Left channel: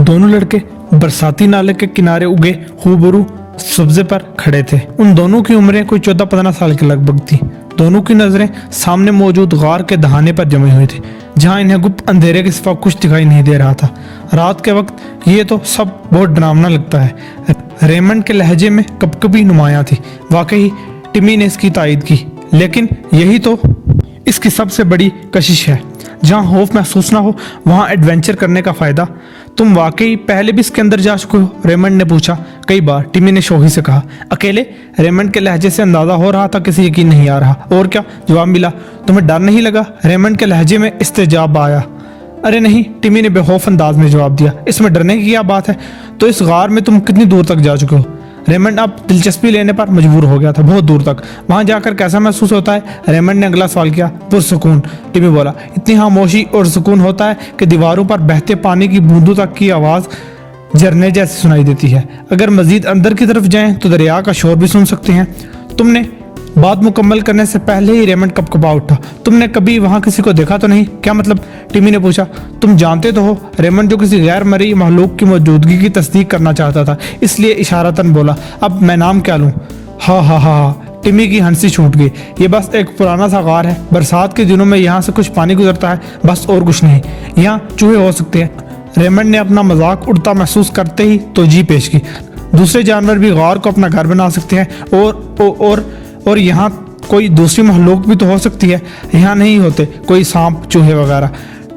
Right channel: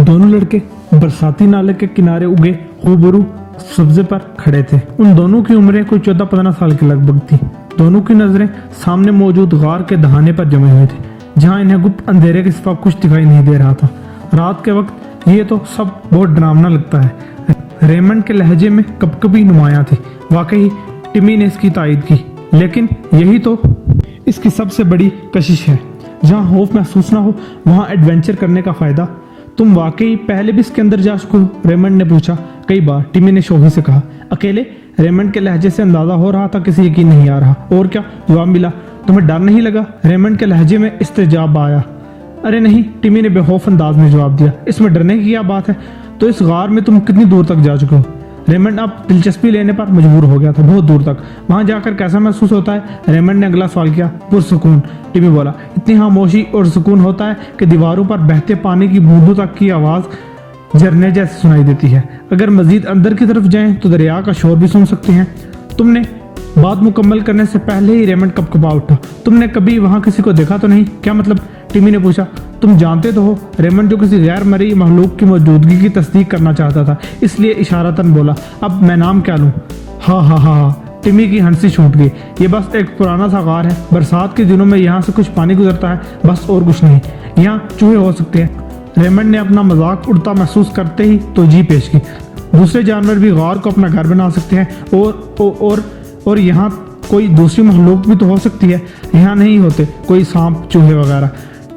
दोनों लड़के बरसाती नाले के किनारे उगे खूबरू सब्जे पर खड़े थे। उन दोनों की उम्रें कोई 14-15 साल के लगभग थी। दोनों की नजरें सामने मौजूद गार के दहाने पर जमी हुई थी, जहां इन्हें गुप्त अंधेरे के सिवा कुछ दिखाई नहीं दे रहा था। रात के वक्त ये तो सब बहुत डरावना लगता है। रेमंड के लहजे में कपकपी नुमायां थी। वाकई टिमी ने इसकी तायद की, लेकिन यही तो इसकी सबसे बड़ी कशिश है। जहां खौफ महसूस ना हो वहां एडवेंचर करने का फायदा। तुम वाकई पहले भी इसके अंदर जा चुके हो? रेमंड ने पूछा। कई बार, टिमी ने शोही से कहा। अकेले? रेमंड के लहजे से अंदाजा हो रहा था किसी यकीन नहीं आ रहा। और क्या जवाब मिला? तुम्हें डर नहीं लगा? रेमंड के लहजे में इस्तेजाब आया। अरे नहीं, टिमी ने बेखौफ अंदाज में जवाब दिया। इसमें डरने की क्या बात है? तो इस गार में तुम कितनी दूर तक जा चुके हो? रेमंड अब दिलचस्पी लेने पर मजबूर हो गया था। बहुत दूर तक। वहां जाकर कैसा महसूस होता है? रेमंड ने अगला सवाल किया। पुरसुकून, टिमी बोला। इतनी खामोशी और सुकून होता है कि दीवारों पर बहते पानी की बूंदों तक की आवाज झरने जैसी सुनाई देती है। अगर मजीद अंदर की तरफ जाएं तो दरिया का शोर भी सुन सकते हैं। तुमने बात मुकम्मल करने से पहले ही रेमंड कपकपा उठा। तुमने कभी वहां किसी को देखा तो नहीं? क्या मतलब? टिमी ने पूछा। तुम जानते तो हो, रेमंड जो किसी गैर मरी महलूक की मौजूदगी की तस्दीक करना चाहता था, इसलिए इशारतन बोला। अब मैं नाम क्या लूं? हा हा हा हा। टिमी की हंसी छूट गई। ये बस एक पुराना सा गार है। बरसात के दिनों में यहाँ से कुछ पानी गुजरता है, बस और कुछ नहीं। यहाँ चूहे हो सकते हैं। रेमंड ने अपना मजाक उड़ता महसूस करते ही तोजी पेश की। दूसरे जानवर भी गार को अपना घर बना सकते हैं और यहाँ कोई दूसरी महलूक भी तो हो सकती है। यहाँ नहीं होते कोई सांप चूहे वगैरह।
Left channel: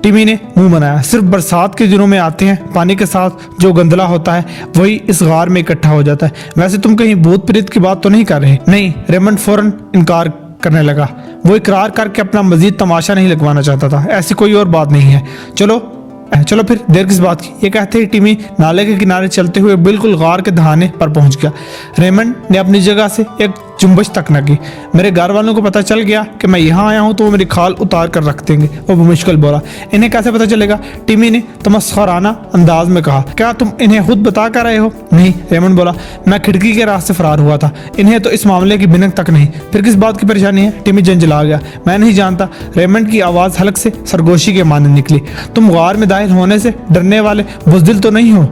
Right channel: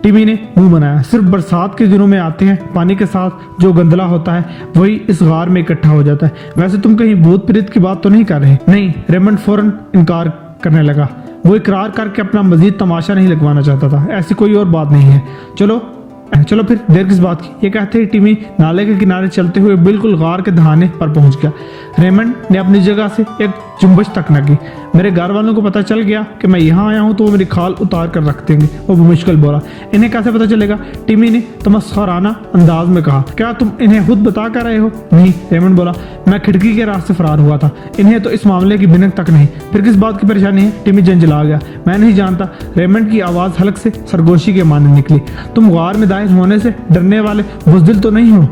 टिमी ने मुंह बनाया। सिर्फ बरसात के दिनों में आते हैं। पानी के साथ जो गंदला होता है वही इस गार में इकट्ठा हो जाता है। वैसे तुम कहीं भूत प्रेत की बात तो नहीं कर रहे? नहीं, रेमंड फौरन इनकार करने लगा। वो इकरार करके अपना मजीद तमाशा नहीं लगवाना चाहता था। ऐसी कोई और बात नहीं है। चलो फिर देर किस बात की? ये कहते ही टिमी नाले के किनारे चलते हुए बिल्कुल गार के दहाने पर पहुंच गया। रेमंड ने अपनी जगह से एक जुम्बश तक न की। मेरे घर वालों को पता चल गया कि मैं यहाँ आया हूँ तो वो मेरी खाल उतार कर रख देंगे, वो मुश्किल बोला। इन्हें कैसे पता चलेगा? टिमी ने तमस्खुराना अंदाज में कहा। क्या तुम इन्हें खुद बता कर आए हो? नहीं, रेमंड बोला। मैं खिड़की के रास्ते फरार हुआ था। इन्हें तो इस मामले की भिनक तक नहीं। फिर किस बात की परेशानी है? टिमी झंझला गया। मैं नहीं जानता। रेमंड की आवाज हल्क से सरगोशी के माने निकली। तुम गार में दाखिल होने से डरने वाले बुज़दिल तो नहीं हो?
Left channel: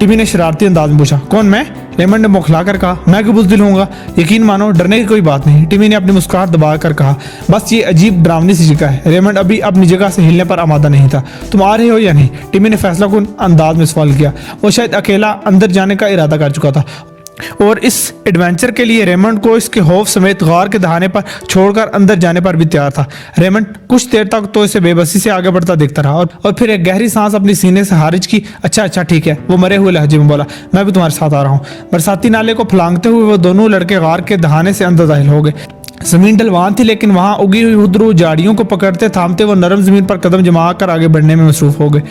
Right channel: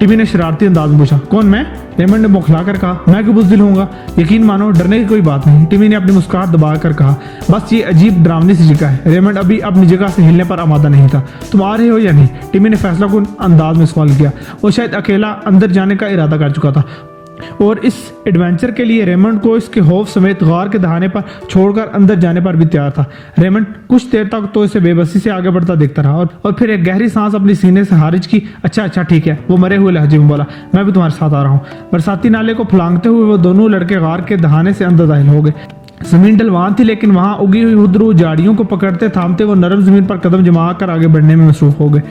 टिमी ने शरारती अंदाज में पूछा। कौन, मैं? रेमंड ने मुखलाकर कहा। मैं क्यों बुज़दिल होऊंगा? यकीन मानो, डरने की कोई बात नहीं। टिमी ने अपनी मुस्कुराहट दबा कर कहा। बस ये अजीब डरावनी सी जगह है। रेमंड अभी अपनी जगह से हिलने पर आमादा नहीं था। तुम आ रहे हो या नहीं? टिमी ने फैसला कुन अंदाज में सवाल किया। वो शायद अकेला अंदर जाने का इरादा कर चुका था और इस एडवेंचर के लिए रेमंड को इसके खौफ समेत गार के दहाने पर छोड़कर अंदर जाने पर भी तैयार था। रेमंड कुछ देर तक तो इसे बेबसी से आगे बढ़ता देखता रहा और फिर एक गहरी सांस अपनी सीने से खारिज की। अच्छा ठीक है, वो मरे हुए लहजे में बोला। मैं भी तुम्हारे साथ आ रहा हूँ। बरसाती नाले को फलांगते हुए वो दोनों लड़के गार के दहाने से अंदर दाखिल हो गए। जमीन ढलवान थी, लेकिन वहां उगी हुई हुद्रू झाड़ियों को पकड़ते थामते वो नरम जमीन पर कदम जमा कर आगे बढ़ने में मसरूफ हो गए।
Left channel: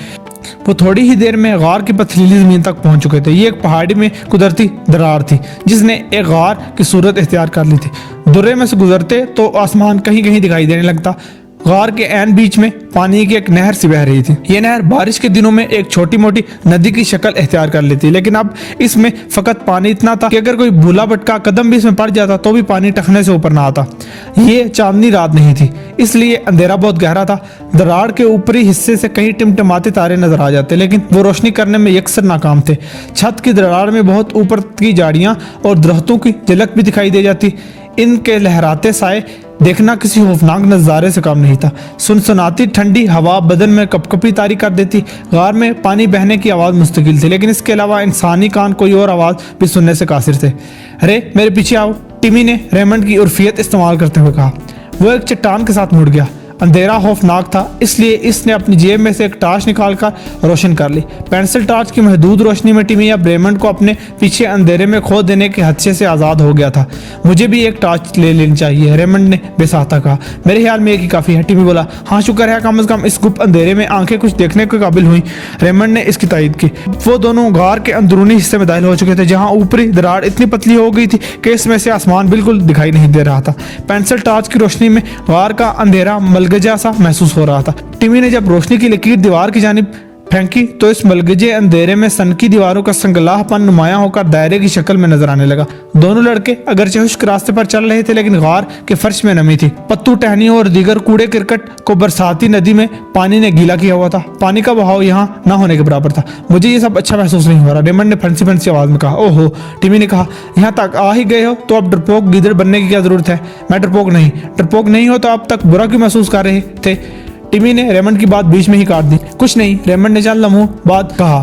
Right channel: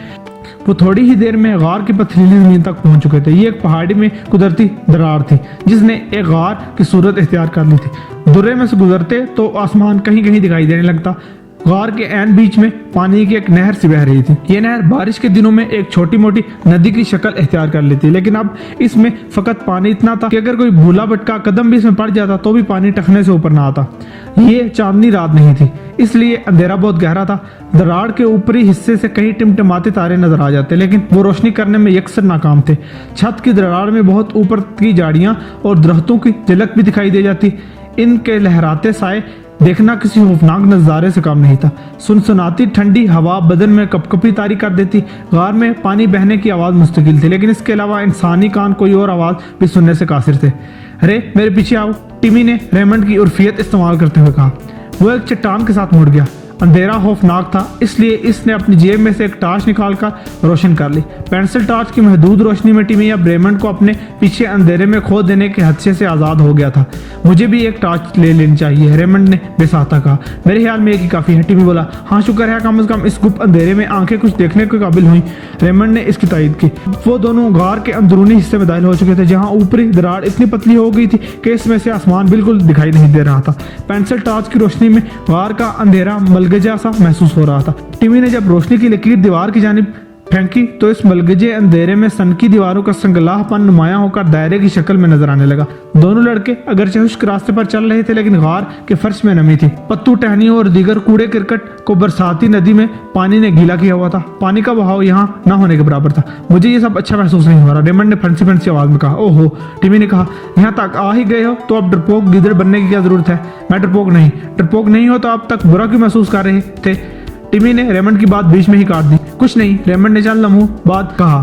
वो थोड़ी ही देर में गार की पथरीली जमीन तक पहुंच चुके थे। ये एक पहाड़ी में कुदरती दरार थी जिसने एक गार की सूरत इख्तियार कर ली थी। दुर्रे में से गुजरते तो आसमान कहीं कहीं दिखाई देने लगता। गार के ऐन बीच में पानी की एक नहर सी बह रही थी। ये नहर बारिश के दिनों में एक छोटी मोटी नदी की शक्ल इख्तियार कर लेती, लेकिन अब इसमें फकत पानी इतना था कि अगर कोई भूला भटका कदम भी इसमें पड़ जाता तो भी पानी टखने से ऊपर ना आता। ये चांदनी रात नहीं थी, इसलिए अंधेरा बहुत गहरा था। दरार के ऊपरी हिस्से से कहीं टिमटिमाते तारे नजर आ जाते, लेकिन वो रोशनी करने में यकसर नाकाम थे। छत की दरार में बहुत ऊपर की झाड़ियां और दरख्तों की झलक भी दिखाई दे जाती। इनके लहराते साए देखना किसी खौफनाक नजारे से कम नहीं था। सुनसनाती ठंडी हवा बदन में कपकपी तारी कर देती। गार में पानी बहने की आवाज मुस्तकिल थी, लेकिन इसके अलावा इंसानी कान कोई और आवाज भी सुनने से कासिर थे। अरे मेरे पीछे आओ, टिमी ने रेमंड की उर्फियत इस्तेमाल करते हुए कहा। वो एक चट्टान के साथ मुड़ गया। अंधेरा खौफनाक था, इसलिए इसने अपनी जेब में से एक टार्च निकालकर रोशन कर ली। पेंसिल टार्च की महदूद रोशनी में टिमी अब रेमंड को अपने पीछे अंधेरे में खो देने के हदशे से आजाद हो गया था। मुझे भी एक टार्च ले लेनी चाहिए, रेमंड ने बेसाहता कहा। मेरे ख्याल में एक ही काफी है, टिमी बोला। हाँ, शुक्र है कम से कम इस गुप्त अंधेरे में आंखें कुछ देखने के काबिल हुई। रेमंड ने इसकी तायद की। वो दोनों गार के अंदरूनी हिस्से में दाखिल हो चुके थे, जहाँ ऊपरी दरार इतनी पतली हो गई थी कि इसमें से आसमान बिल्कुल दिखाई नहीं दे रहा था। पेंसिल टार्च की रोशनी में गार का अंधेरा मलगजा सा महसूस हो रहा था। टिमी ने जब रोशनी की लकीर दीवार की जानिब फेंकी तो इस मलगजे अंधेरे में सन की दीवारों का संगलाहपन नुमाया होकर दायरे की शक्ल में नजर आने लगा। दोनों लड़के अगरचे खुश्क रास्ते पर चल रहे थे, लेकिन गार के फर्श में नमी थी। पत्तू टहनियों और दीगर कूड़े करकट को बरसाती नदी में पानी ने गीला किया हुआ था। पानी का बहाव यहाँ न होने के बराबर था। मुझे ये सब अच्छा महसूस नहीं हो रहा, रेमंड ने फंसी फंसी आवाज में कहा। ओहो, टिमी ने कहा, यहाँ तक आ ही गए हो तो अब डरपोक गिदड़ बनने की क्या जरूरत है। मैं डरपोक नहीं हो तो अब तक बुरा क्यों महसूस कर रहे थे। टिमी ने रेमंड की बात बीच में ही काट दी। कुछ नहीं, रेमंड ने चंद लम्हों बाद कहा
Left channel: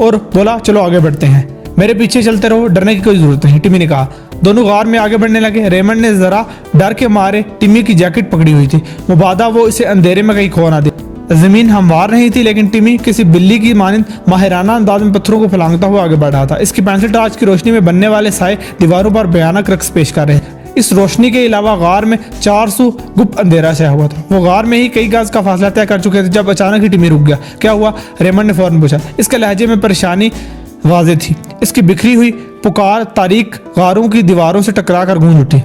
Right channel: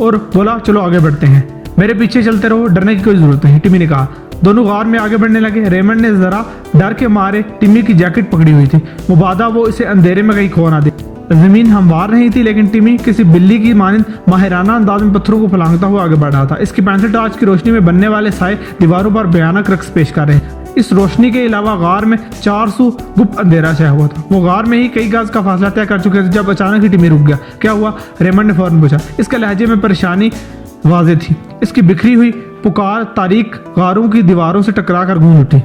और बोला, चलो आगे बढ़ते हैं, मेरे पीछे चलते रहो, डरने की कोई जरूरत नहीं। टिमी ने कहा। दोनों गार में आगे बढ़ने लगे। रेमंड ने जरा डर के मारे टिमी की जैकेट पकड़ी हुई थी, मुबादा वो इसे अंधेरे में कहीं खो ना दे। जमीन हमवार नहीं थी, लेकिन टिमी किसी बिल्ली की मानिंद माहिराना अंदाज में पत्थरों को फलांगता हुआ आगे बढ़ रहा था। इसकी पेंसिल टॉर्च की रोशनी में बनने वाले साए दीवारों पर भयानक रक्स पेश कर रहे हैं। इस रोशनी के अलावा गार में 400 गुप्त अंधेरा छाया हुआ था। वो गार में ही कई गज का फासला तय कर चुके थे जब अचानक ही टिमी रुक गया। क्या हुआ? रेमंड ने फौरन पूछा। इसके लहजे में परेशानी वाज़ेह थी। इसकी बिखरी हुई पुकार तारीख गारों की दीवारों से टकरा कर गूंज उठी।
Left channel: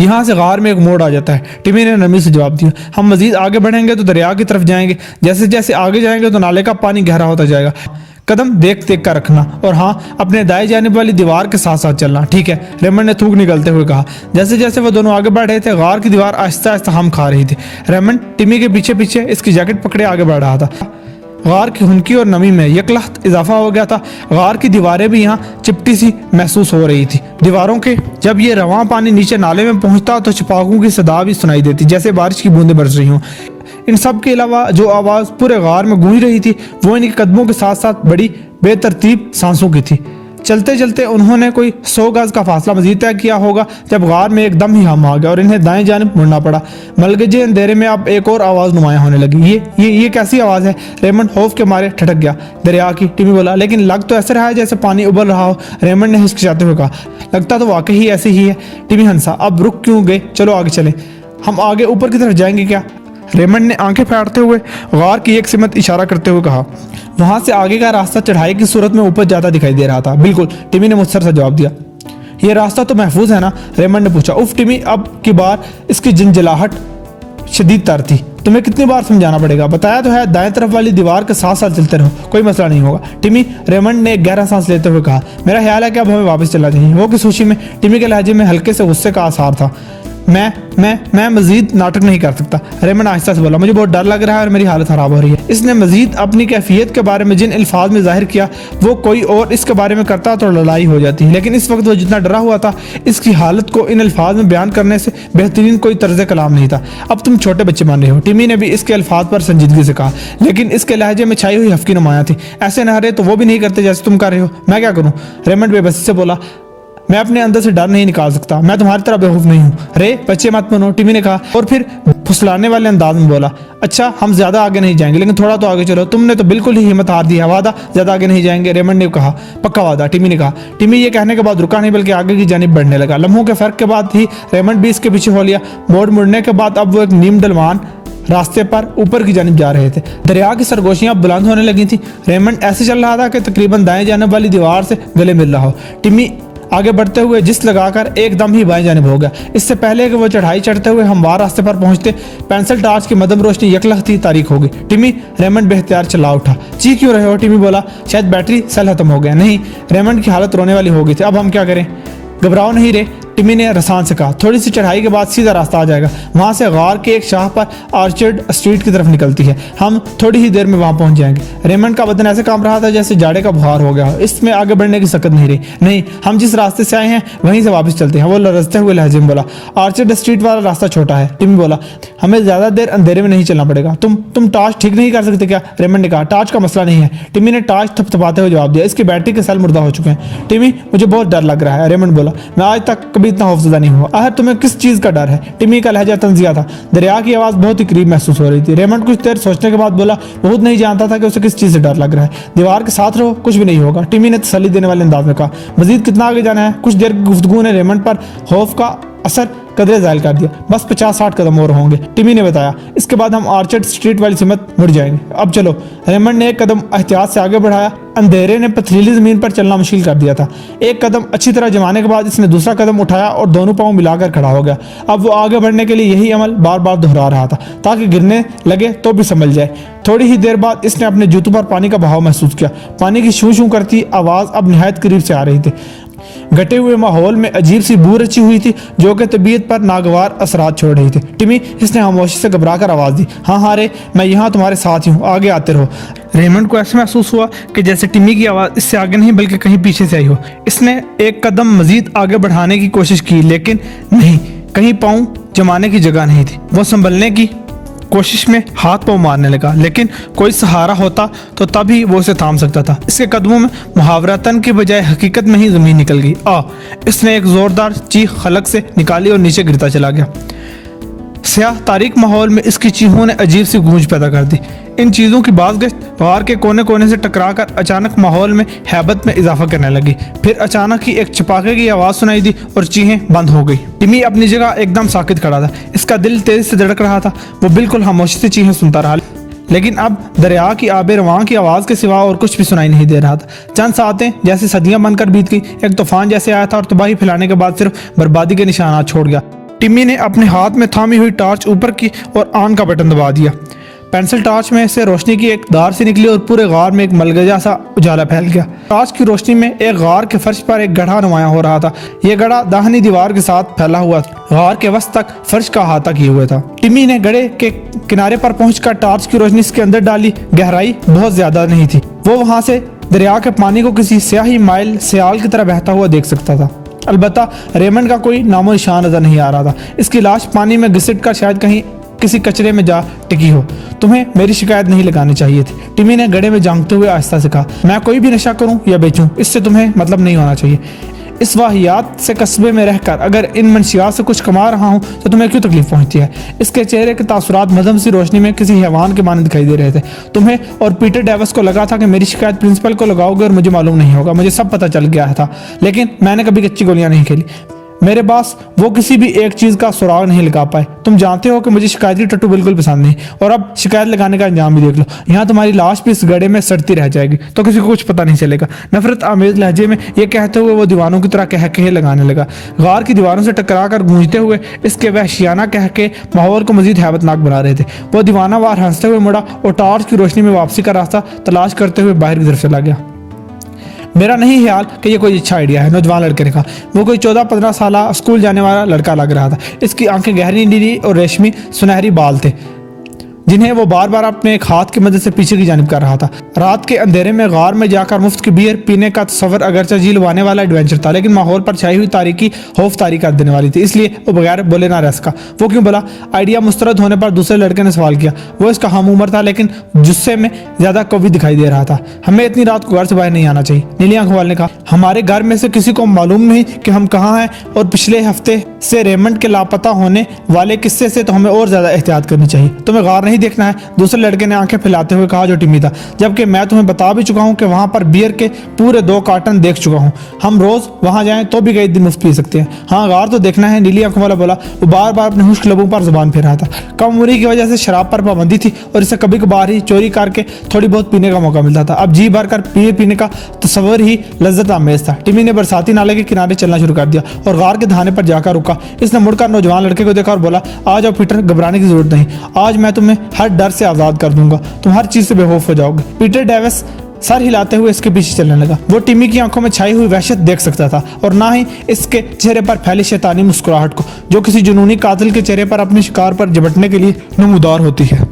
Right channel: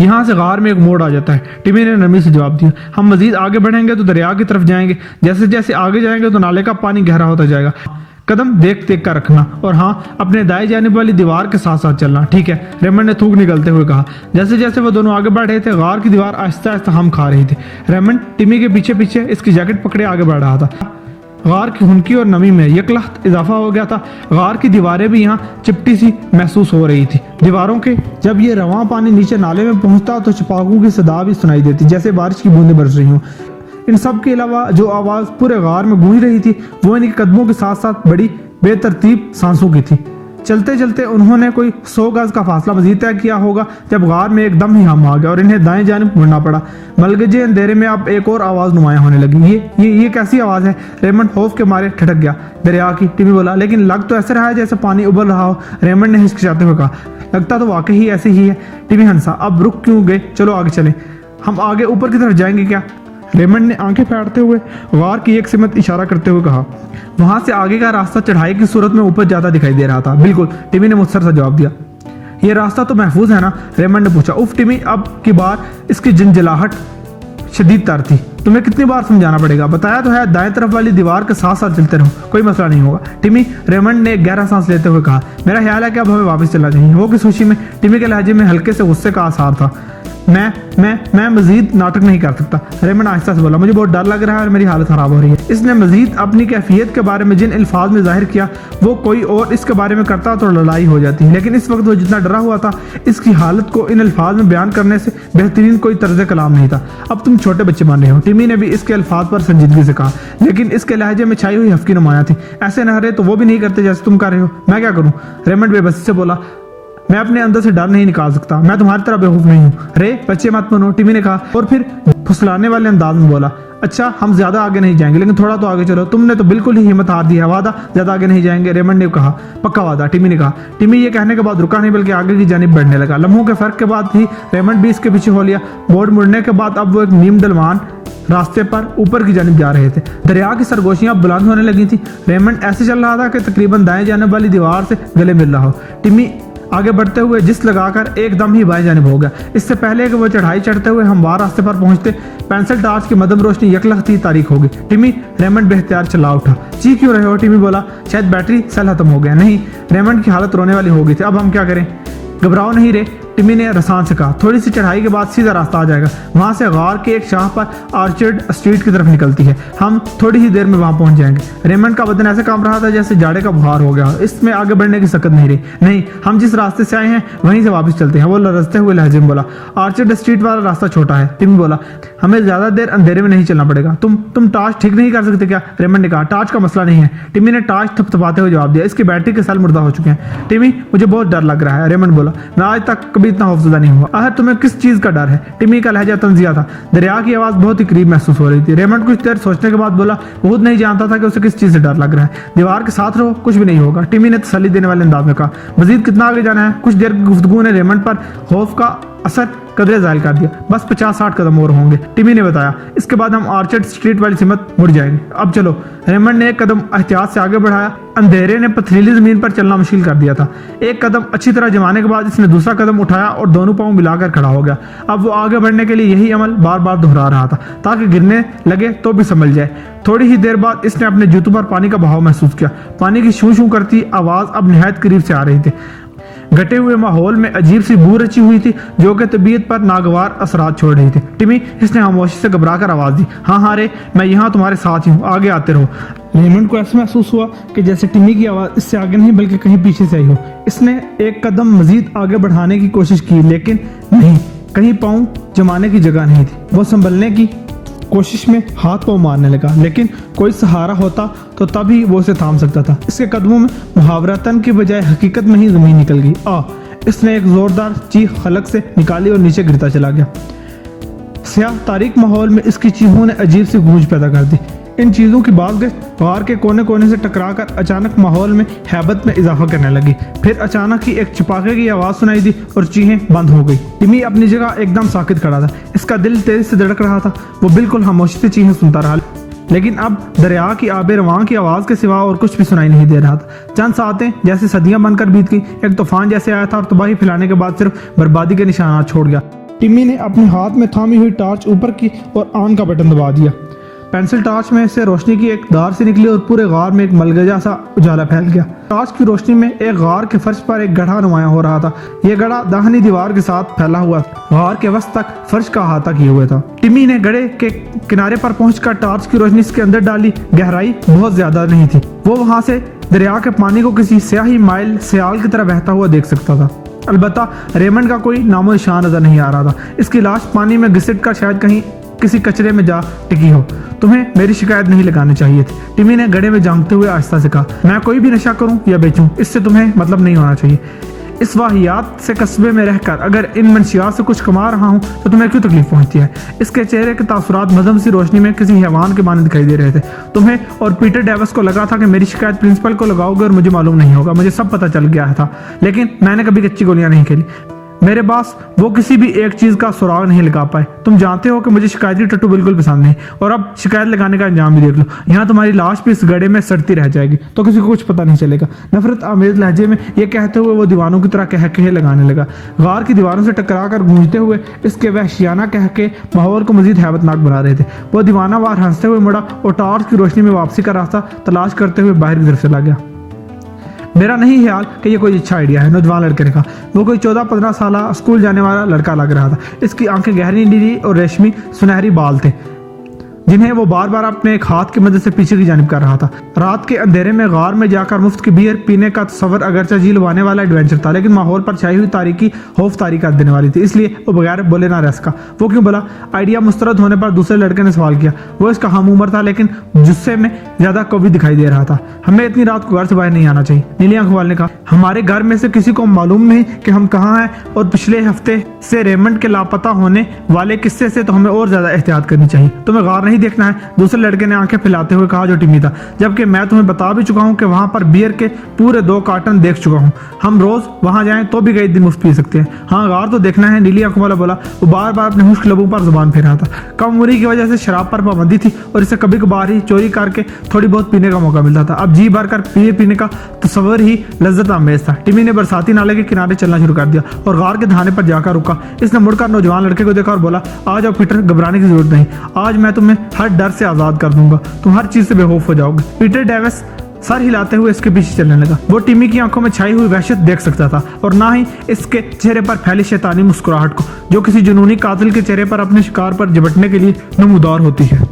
यहाँ से गार में एक मोड़ आ जाता है। टिमी ने नमी से जवाब दिया। हम मजीद आगे बढ़ेंगे तो दरिया की तरफ जाएंगे। जैसे जैसे आगे जाएंगे तो नाले का पानी गहरा होता जाएगा। कदम देख देख कर रखना और हाँ, अपने दाएं जानिब वाली दीवार के साथ साथ चलना, ठीक है? रेमंड ने थूक निकलते हुए कहा। जैसे जैसे वो दोनों आगे बढ़ रहे थे, गार की दीवार आहिस्ता आहिस्ता हम खा रही थी। रेमंड टिमी के पीछे पीछे इसकी जैकेट पकड़े आगे बढ़ रहा था। गार की हुनकी और नमी में यकलख्त इजाफा हो गया था। गार की दीवारें भी यहाँ चिपटी सी महसूस हो रही थी। दीवारों के जब ये रवां पानी नीचे नाले में पहुंचता तो छिपाकों की सदा भी सुनाई देती, जैसे बारिश की बूंदें बरस रही हों। इन सब के अलावा जो आवाज़ पूरे गार में गूंज रही थी वो इनके कदमों के साथ साथ बड़ी बेतरतीब सांसों की थी। चलते चलते उन्होंने कोई 100 गज का फासला मजीद तय किया होगा जब गार में एकदम ही हम आ गया और इन्हें दाएं जानिब मुड़ना पड़ा। मलगजे अंधेरे में अब एक और आवाज़ नुमाया होने लगी। ये कैसी आवाज़ है? रेमंड खौफ के मारे ठटक गया। दरिया की, टिमी बोला, लेकिन लग तो ऐसे रहा है जैसे पानी उबल रहा हो। रेमंड ने हिचकिचाते हुए कहा। लगता तो वाकई ही ऐसे ही है। टिमी हंसा। अब रुक क्यों गए? चलो आगे चलें। हम आगे ऊपर की तरफ जाएंगे क्या? रेमंड ने आंखें फाड़ते हुए गार की एक सिमत इशारा करते हुए कहा। वहां से आगे का रास्ता चढ़ाई की सूरत में ऊपर जाता दिखाई दे रहा था। बिल्कुल, टिमी ने मुझसे सा जवाब दिया। ये रास्ता तो महफूज है ना? रेमंड ने पूछा। उफ टिमी, अब की बार इसकी झंझलाहट शदीद तर थी। तुम्हें कितनी बार समझाना पड़ेगा? बताया तो है, दाएं तरफ वाली दीवार के साथ साथ चलते रहो, कोई मसला नहीं होगा। टिमी, रेमंड ने एक गहरा सांस लेते हुए कहा। मेरा ख्याल है कि अब हमें वापस चलना चाहिए। वो किस खुशी में? टिमी के लहजे में हल्के से गुस्से का आसार था। मैं मजीद नाटक नहीं कर सकता, रेमंड आहिस्ता से बोला। मुझे बहुत डर लग रहा है और मेरी हालत खराब हो रही है। इसने मजीद अपनी कैफियत के बारे में जिन अल्फाज में जाहिर किया वो कोई और इसके बारे में करता तो लड़ाई हो जाती, लेकिन इस वक्त वो जितना डरा हुआ था इसकी हालत को इन अल्फाज में बयान करने से बेहतरीन कोई तर्ज कलाम नहीं था। अब तुम छोटे बच्चे मान रहे हो, टिमी ने भी इसके अल्फाज पर संजीदगी से कहा, लेकिन इसके लहजे में छाई हुई हफ्की नुमाया थी। ऐसे न रहे तो वो भी नहीं करते जैसे तुम कर रहे हो। मैं क्या करूँ? रेमंड बेबसी से बोला। मैं अपने अंदर से डर नहीं निकाल सकता। मैं तुम्हारी तरह बेवकूफ नहीं हूँ। रे बच्चे मत बनो, टिमी ने कहा और फिर फुसलाने वाले अंदाज में बोला। अच्छा, हम ज्यादा आगे नहीं जाएंगे, लेकिन थोड़ा तो आगे चलो। तुमने तो बिल्कुल ही हिम्मत हार दी है। वादा, ज्यादा आगे नहीं जाएंगे, रेमंड ने कहा। पक्का वादा, टिमी ने कहा। टिमी ये कहने के बाद रुका नहीं बल्कि आगे की जानिब बढ़ने लगा। लम्हों के फर्क के बाद ही रेमंड भी इसके पीछे हो लिया। मुड़ने के बाद अब वो एक नीम डलवान रास्ते पर ऊपर की जानिब जा रहे थे। दरिया की सरगोशियां बुलंद होने लगी थी। रेमंड ऐसे चल रहा था कि तकरीबन दाएं जानिब वाली दीवार से गले मिल रहा हो। टिमी आगे बढ़ते हुए जिस लगाकर एकदम ही बाएं जानिब हो गया। इससे पहले कि वो चढ़ाई चढ़ते हुए हमवार रास्ते पर पहुंचते, पेंसिल टॉर्च की मदम रोशनी यकलख्ती तारीख हो गई। टिमी, रेमंड बेहतियार चला उठा। चीख क्यों रहे हो? टिमी बोला। शायद बैटरी सेल खत्म हो गया। नहीं, रेमंड की हालत रोने वाली हो गई थी। अब हम क्या करें? घबराओ नहीं रे, टिमी ने रसान से कहा। थोड़ी सी चढ़ाई के बाद सीधा रास्ता आ जाएगा। वहां से गार के एक शाह पर आर्चर्ड स्ट्रीट की तरफ निकलती है। हम थोड़ी ही देर में वहां पहुंच जाएंगे। रेमंड का बदन ऐसे कांप रहा था जैसे जाड़े का बुखार हो गया। इसमें आगे बढ़ने की सकत नहीं रही। नहीं, हम जिस रास्ते से आए हैं वहीं से वापस चलते हैं, वो लरजते हुए लहजे में बोला। आर्चर्ड स्ट्रीट वाला रास्ता छोटा है, टिमी बोला। हमें ज्यादा देर अंधेरे में नहीं चलना पड़ेगा। तुम टॉर्च ठीक नहीं कर सकते क्या? रेमंड ने कहा। टॉर्च का मसला नहीं है, टिमी ने टॉर्च थपथपाते हुए जवाब दिया। इसकी बैटरी के सेल मुर्दा हो चुके हैं। टिमी, मुझे बहुत डर लग रहा है, रेमंड बोला। मैं आज तक कभी इतना खौफजदा नहीं हुआ। आखिर तुम्हें किस चीज का डर है? टिमी का लहजा तंजिया था। दरिया की आवाज बहुत ही करीब महसूस हो रही थी। रेमंड कुछ देर सोचने के बाद बोला। बहुत नहीं जानता था कि उसे किस चीज से डर लग रहा है। दीवार के साथ रहो, कुछ भी नहीं होगा, टिमी ने तसल्ली देने वाले अंदाज में कहा। मजीद कितना आगे जाना है? कुछ देर की गुफ्तगू ने रेमंड पर खौफ का असर कदरे ज़ायल कर दिया। बस 50-60 कदम और होंगे, टिमी ने बताया। इसके बाद हम आर्चर्ड स्ट्रीट वाली सिमत मुड़ जाएंगे। अब चलो। रेमंड ने एक कदम एहतियात से आगे बढ़ाया। अंधेरे ने पथरीली जमीन पर चलना मुश्किल कर दिया था। एक कदम अच्छी तरह जमाने के बाद इसने दूसरा कदम उठाया और दोनों पाँव मिलाकर खड़ा हो गया। अब वो आगे बढ़ने के लिए यही अमल बार बार दोहरा रहा था ताकि गिरने लगे तो भी संभल जाए। थोड़ी ही देर बाद इसने अपने जूतों पर पानी का बहाव महसूस किया। पानी की शू शू करती आवाज अब निहायत करीब से आ रही थी। घटे हुए माहौल में अजीब सी बू रची हुई थी जो कि तबीयत पर नागवार असरात छोड़ रही थी। टिमी, इसने खामोशी से घबराकर आवाज दी। हाँ हाँ रे, मैं यहाँ तुम्हारे साथ ही हूँ, आगे आते रहो। रेमंड को ऐसा महसूस हुआ कि जैसे टिमी की आवाज इससे आगे नहीं बल्कि कहीं पीछे से आई हो। इसने एक कदम मजीद आगे बढ़ाने की कोशिश की लेकिन नहीं, कहीं पाँव जमाने की जगह नहीं थी। वो संभलने की कोशिश में हाथ पाँव मारने लगा, लेकिन कोई सहारा होता तो तभी वो उसे थाम सकता था। इसके कदमों में मुहावरतन के बजाय हकीकत में ही जमीन निकल गई। इसने एक जोरदार चीख खलक से निकाली और नीचे गिरता चला गया। स्याह तारीक माहौल में इसकी चीखों ने अजीब सी गूंज पैदा कर दी। इन चीज़ों की बाज़गश्त गार के कोने कोने से टकराकर अचानक माहौल में हैबत में इजाफा करने लगी। फिर अचानक ही एक चपाके की आवाज़ सुनाई दी और चीखें बंद हो गई। टिमी अपनी जगह एकदम साकित खड़ा था। इसका दिल तेज से धड़क रहा था। वो बिल्कुल खामोशी से चीखें सुनता रहा, लेकिन अब दरिया की आबे रवां की आवाज़ के सिवा और कुछ भी सुनाई नहीं दे रहा था। चंद सातें जैसे सदियां बनकर बीत गई। एक तूफान जैसे आया था और तबाही फैलाने के बाद सिर्फ बर्बादी के निशानात छोड़ गया। टिमी ने अपने हाथ में थामी हुई टॉर्च ऊपर की और ऑन का बटन दबा दिया। पेंसिल टॉर्च में से रोशनी की एक धार से निकली और पूरे गार में एक मलगजा सा उजाला फैल गया। टॉर्च की रोशनी में एक गार के फर्श पर एक गड्ढा नुमाया हो रहा था। यह गड्ढा दाहिनी दीवार के साथ फैला हुआ था। गार के वस्त तक फर्श का अहाता किए हुए था। टिमी ने गड्ढे के किनारे पर पहुंचकर टॉर्च की रोशनी इसके अंदर डाली। गहराई बहुत ज्यादा नहीं थी। वो वहां से दरिया के पानी को किसी स्याही माइल स्याल की तरह बहता हुआ देख सकता था। अलबत्ता रेमंड का कोई नामो निशान नजर नहीं आ रहा था। इसकी लाश पानी में घिसट कर शायद कहीं किसी कचरे में जा टिकी हो। तुम्हें मेरी शिकायत नहीं लगानी चाहिए थी, टिमी ने गड्ढे में झांकते हुए आहिस्ता से कहा। मैं कोई भी नशा करूं या बेचूं, इससे तुम्हें मतलब नहीं होना चाहिए। इस वाहियात से कस्बे में रहकर अगर इन मंशियात से कुछ कमा रहा हूं तो तुम्हें क्यों तकलीफ पहुंचती है? इसके चेहरे के तासुरात मध्यम सी रोशनी में किसी हैवान के माने दिखाई दे रहे थे। तुम्हें और पीटर डेविस को लगा था कि मेरी शिकायत प्रिंसिपल को लगाओगे और मुझे मालूम नहीं होगा। मुझे सब पता चल गया था, लेकिन मैंने कभी कच्ची गोलियां नहीं खेली। मेरे पास वो किसी भी एक चीज का सुराग नहीं लगा पाए। तुम जानते हो कि मुझे शिकायती टट्टू बिल्कुल पसंद नहीं, और अब शिकायत लगाने का अंजाम भी देख लो। यहाँ तुम्हारी लाश भी इस गड्ढे में सड़ती रह जाएगी तो किसी को कुछ पता नहीं चलेगा। नफरत आमेज लहजे में ये कहते हुए वो दीवानों की तरह कह के लगाने लगा। गार की दीवारों से टकरा कर गूंजते हुए इसके वहशियाना कह के माहौल को मजीद हैबतनाक बना रहे थे। वो दीवाना वार हंसते हुए मुड़ा और टॉर्च की रोशनी में वापसी का रास्ता तलाश करते हुए बाहर की तरफ चला गया। मेरा नहीं ख्याल कि ये कोई अच्छा आइडिया है, नौजवान लड़के ने कहा। वो कोई 14-15 साल स्कूल जाने वाला लड़का लग रहा था। इसकी आंखें गहरी नीली और रेशमी सुनहरी बाल थे जिन्हें वो बार बार अपने एक हाथ की मदद से पीछे की जानिब कर रहा था। रात के अंधेरे में गार में जाकर मुफ्त की बियर पीने का तस्वर अगरचे जी लुभाने वाला एडवेंचर था, लेकिन माहौल पर छाई हुई तारीकी खौफ तारी कर देने वाली थी, इसलिए वो बगैर बोले ना रह सका। वो क्यों बोला? आइडिया मुस्तरद होने पर दूसरे लड़के ने सवाल किया। वो इसका हम उम्र था, लेकिन जुस्से में ज्यादा कवि दिखाई दे रहा था। हमें इतनी रात को घर से बाहर नहीं आना चाहिए, नीली आंखों वाले ने कहा। हमारे घर में से किसी को मालूम नहीं कि हम कहाँ हैं, और पिछले हफ्ते से रेमंड के लापता होने वाले किस्से से तो हमें और ज्यादा एहतियात करनी चाहिए। तुम्हें गार नहीं देखना है, दूसरे लड़के ने आंखें फैलाते हुए कहा, जो टिमी था। जबकि मैं तुम्हें बता भी चुका हूं कि वहां पर बियर के पूरे 2 कार्टन देख चुका हूं। हम रोज वहां जाएं तो भी कई दिन मुफ्त पी सकते हैं। हाँ, गार तो देखना है, नीली आंखों वाला बोला। वो बार बार अपने खुश्क लबों पर जुबान फेर रहा था। कम उम्री की वजह से शराब पर पाबंदी थी और इसे कभी कभार ही चोरी करके थोड़ी बहुत पीने का मौका मिलता था। अब जी भर कर बियर पीने का तस्वर ही लज्जत आमेज था। टिमी ने बरसाती नाले के किनारे चलना शुरू कर दिया और गार के दहाने पर जाकर रुका। इसने मुड़कर नौजवान लड़के को देखा और बोला, आ जाओ पीटर, घबराने की जरूरत नहीं। आज मैं तुम्हें हर डर से आजाद कर दूंगा। तुम हर चीज से बेखौफ हो जाओगे। पीटर डेविस सर हिलाते हुए इसके पीछे चलने लगा। वो टिमी की आंखों में छाई हुई वहशत देख सकता था और ना ही इसके चेहरे पर फैली शैतानी मुस्कुराहट को, जो किसी जुनूनी कातिल के चेहरे पर अपने शिकार पर झपटने के लिए नमूदार होती है।